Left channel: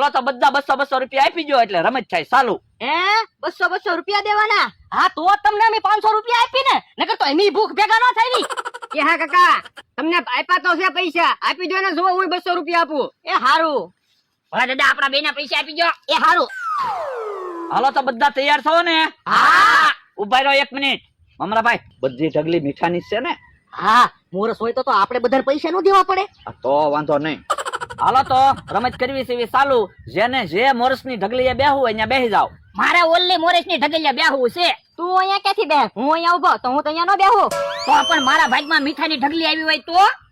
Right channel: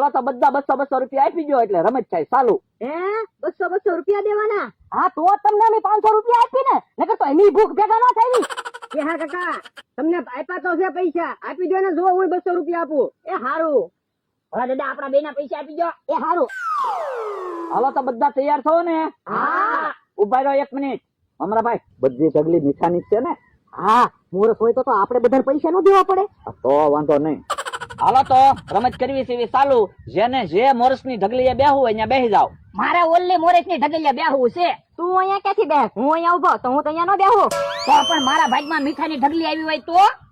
હાલો તો બધા 200 રૂપિયા આપી દો એટલે રમત થાય ચાલુ. 200 રૂપિયા દેવાના? હા તો તમને અમે 500 રૂપિયા આપી ને, નકર તો એની ભૂખ ભેગા ન થાય ની. કે હા કાકા, તમને આપ્યા તો છે પૈસા, આપી દો ને. જો હું 200 રૂપિયા આપું. એ હારું. હા દાદા, આપણા બેના પૈસા આપી દો. એ હારું. હાલો તો બધા તૈયાર છો ને? હા. ઉભા રહો 1 મિનિટ. મમરાભાઈ, બધી ઢગલી મીઠાની છે ને? હા, મોરસ હોય તો આપણે બધાને પૈસા નો દેવા પડે. તો વાંધો નહીં. હાલો તો રમત કરવી છે ચાલુ. જેને જે મોરસની ઢગલીએ બેહવું હોય ત્યાં બેહી જાવ. મારે ઓલી મોરસની ઢગલીએ બેહવું છે. તું અહીંયા ક્યાંથી બેહ? હું અહીંયા ઉભો તો હું તો અહીંયા નો બેહું. તો પણ મારા ભાગમાં મીઠાની ઢગલી આવી હોય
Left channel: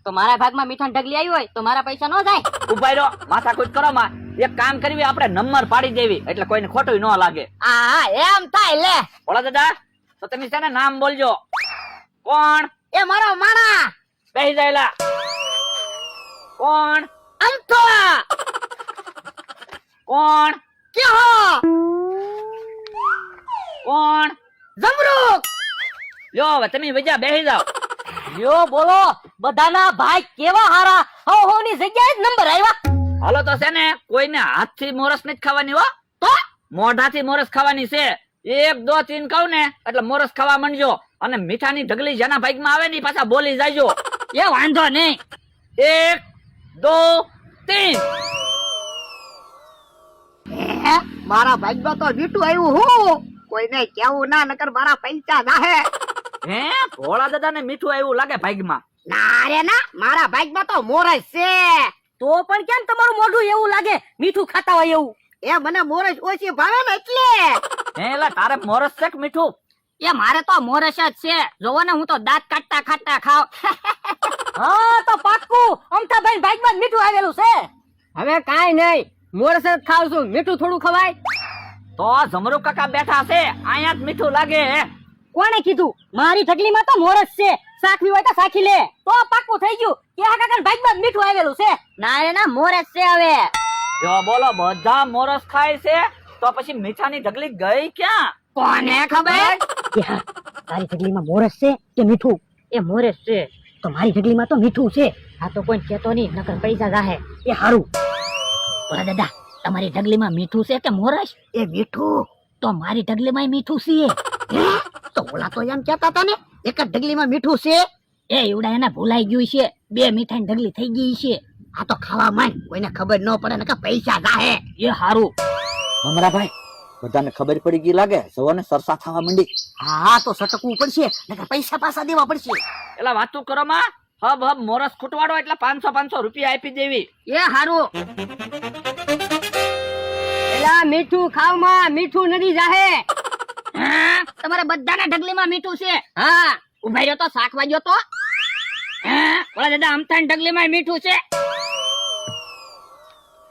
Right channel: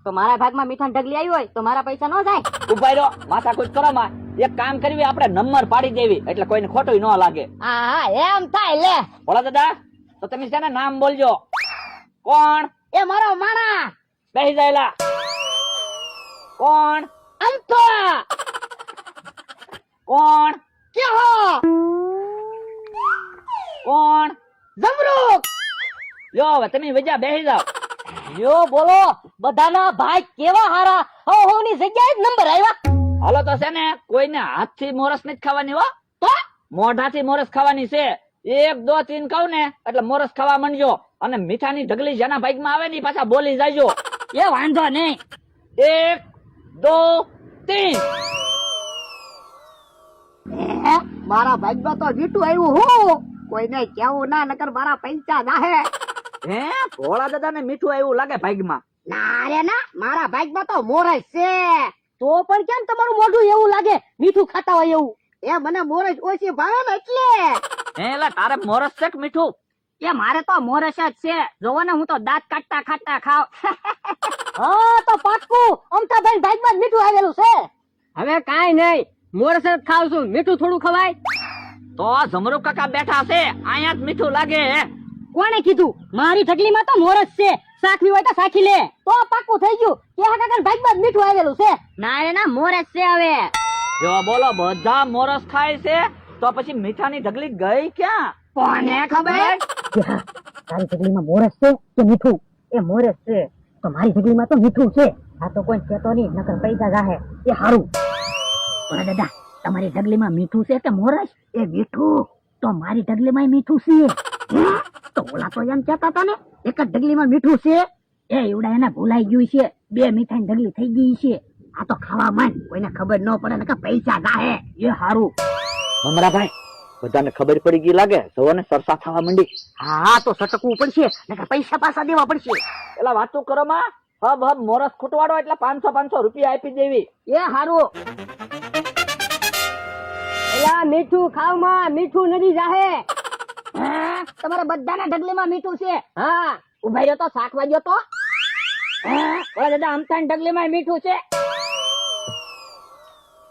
તો મારા ભાગમાં મીઠાની ઢગલી આવી હોય તો મારા પૈસા નો જાય. ઉભા રહો, માથાકૂટ કરો માં. એક કામ કરવી, આપણે નંબર પાડી દેવી એટલે કોઈને ખોટું ન લાગે. હા એમ થાય. લે બોલો દાદા, તો તમે છે ને નામ બોલજો. કોણ? એ મારો માણા. બેહી જાયલા. કોણ? અંતો. કોણ? ક્યાં? કોણ? જમરૂક. લ્યો હવે તમે વજા બેહી જાવ. લ્યો બોલો, બધાના ભાઈ કેવા હારા. ની જગ્યાએ જ નંબર આવ્યા. હાલો તો છે ને કોઈને હાથથી મોરસ નથી ખાવાની હો, તો મોઢાથી મોરસ ખાવાની છે. 1 2 3 કહું ને એટલે મોરસ ખાવા માંડજો. અને મીઠાની ઢગલી જેના ભાગમાં આવે ને પાછા બોલી જાયજો. એ વાંધો નહીં. 1 2 3. મારા ભાગમાં તો મીઠું આવ્યું. હું કોઈને કેવું ના, નકર મારા પૈસા જાહે. હે, ભોળા દાદા ને મીઠું આવ્યું લાગે ભાગમાં. ના રે ના, મારા ભાગમાં તો મોરસ છે. તો પણ કેમ તમારું મોઢું એવું લાગે મીઠું ખાતા હોય એવું? એ મને મોરસ ઓછી ભાવે ને એટલે. હે, એલા તારે મોરસ છે કે મીઠું? એ મારે તો મોરસ જ છે. જોવો ને, હું તો દાંત કાટતા ખાટતા ખાવ. હા તો પાક્કું અમતાભાઈ ભાગમાં મીઠું આવેલું છે. હવે કાઈ નહીં, મોરસ જ ખાવ છું, મીઠું થોડું ખવાય? તો જમરૂ કાકા બેઠા છે, અહીંયા જ મીઠું લાગે. કોણે કીધું? મારી ઢગલીમાં તો મોરસ છે. સાખવી હોય તો સાખી લે. તો પાક્કું થઈ ગયું કે આ કાકા ભાગમાં મીઠું આવેલું છે. ના રે ના, મોરસ છે. હવે જો બોલો, બધા મોરસ ખાય છે તો પછી મીઠાની ઢગલી ગઈ ક્યાં? કોને ખબર? તારી ઢગલીમાં મોરસ છે કે મીઠું? એ મોરસ છે તો મારી ઢગલીમાં તો મીઠું છે. આ તો કોઈ કહેતો નહીં, નકર પૈસા જાહે. એ હારું. ઓલા દાદા, તમારી ઢગલીમાં મીઠું છે કે મોરસ? એ મીઠું. તો મારી ઢગલીમાં મીઠું છે. તો ઓલા તો એમ કહેતા હતા ને એક જ ઢગલીમાં મીઠું છે. એ એવડા એને ભૂલાઈ ગયું છે. 2 મીઠાની ઢગલી થઈ ગઈ છે. આ તો ખાવા માંડ, કોઈને ખબર ન પડે, નકર પૈસા જાહે. એ હારું. મમરાભાઈ, બધાને ખબર પડી ગઈ લાગે. સવારને સરસા થવા માંડી. હા તો સટકવું પડશે, નકર પૈસા પાછા દેવા પડશે. એલા વાતો કરો માં. હબ મોરસ ખૂટવાડો એટલે 500 રૂપિયા આપી દેવી. એ હારું. એલા મીઠું ખાવ માં, મીઠું નથી જાહે. હા, તમારા બધાના ઢગલીમાં મીઠું છે. હા, ઉભા રહ્યો તો શાકવા ગયો તો. હા, ઓલા દાદા અમથાની ઢગલીમાં મીઠું છે.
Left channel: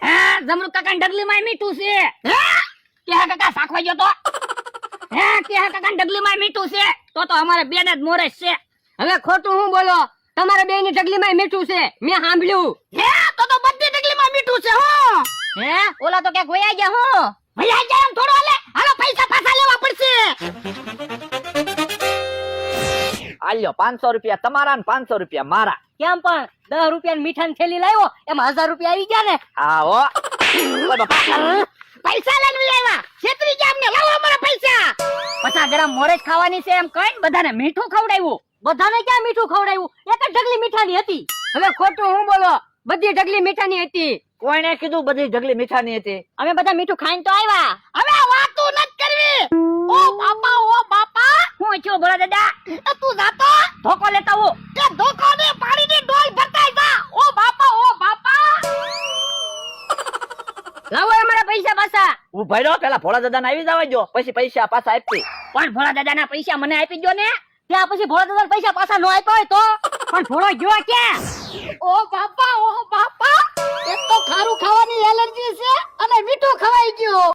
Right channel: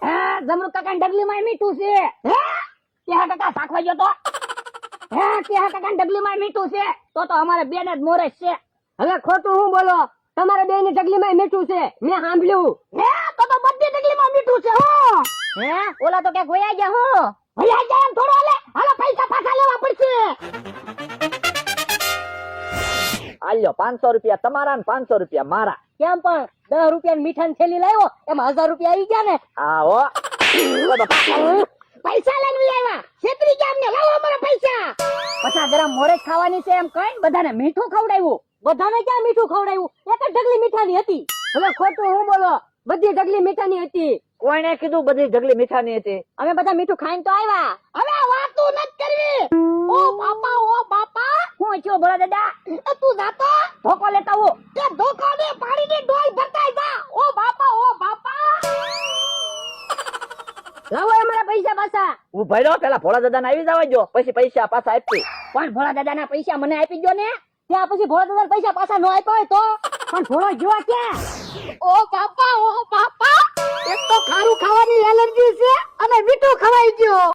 હા, જમરૂ કાકાની ઢગલીમાં મીઠું છે. હા, કે હા કાકા શાકવા ગયો તો. હા, કે હા કાકાની ઢગલીમાં મીઠું છે. તો અમારે બેને જ મોરસ છે. હવે ખોટું હું બોલો? તમારે બે ની ઢગલીમાં મીઠું છે, મેં સાંભળ્યું. હે, તો બધી ઢગલીમાં મીઠું છે. હો હે, ઓલા તો ક્યાંક વયા ગયા. હો વયા ગયા એમ થોડો હાલે. હાલો પૈસા પાછા લેવા પડશે. આલ્યો 500 રૂપિયા તમારા ને 500 રૂપિયા મારા. કેમ પણ 10 રૂપિયાની મીઠાની થેલી લાવ્યો, એમાં 1000 રૂપિયા આવી ગયા ને. આવો પૈસા લઈને આવ્યા. છેતરી ગયા અમને. લાવો અમારા પૈસા. 50 ગ્રામ મોરસ ખાવાની છે એમ કહીને બધાને મીઠું ખવડાવ્યું. બધાને ક્યાં મીઠું ખવડાવ્યું? એક જ ઢગલી મીઠાની હતી. હવે ખોટું હું બોલો? બધી ઢગલી મીઠાની હતી. કોઈને કીધું બધી ઢગલી મીઠાની હતી? અમે બધા મીઠું ખાઈને તો આવ્યા. હવે વાતો નથી કરવી. ઓ બાપા, હું છું બોલા દાદા. તું જાતો ધોકો લેતા હું. તે ધોકો ને પાણીની ડોલ ભરતાઈ જા. ઓ બાપા. લાવો અમારા પૈસા પાછા. ઉભા રહો, પેલા ભોળા દાદાને આવી જવા જો, પછી પૈસા પાછા આપી. પણ ભોળા દાદાના પૈસા મને આપી દો ને. ત્યાં પછી ભોળા દાદાના પૈસા પાછા નો આપ્યો હોય તો? પણ ભોળો ગયો ક્યાં? ઓ બાપા, એક તો ખારું ખાવાની એલર્જી છે અને મીઠું ખવાઈ ગયો.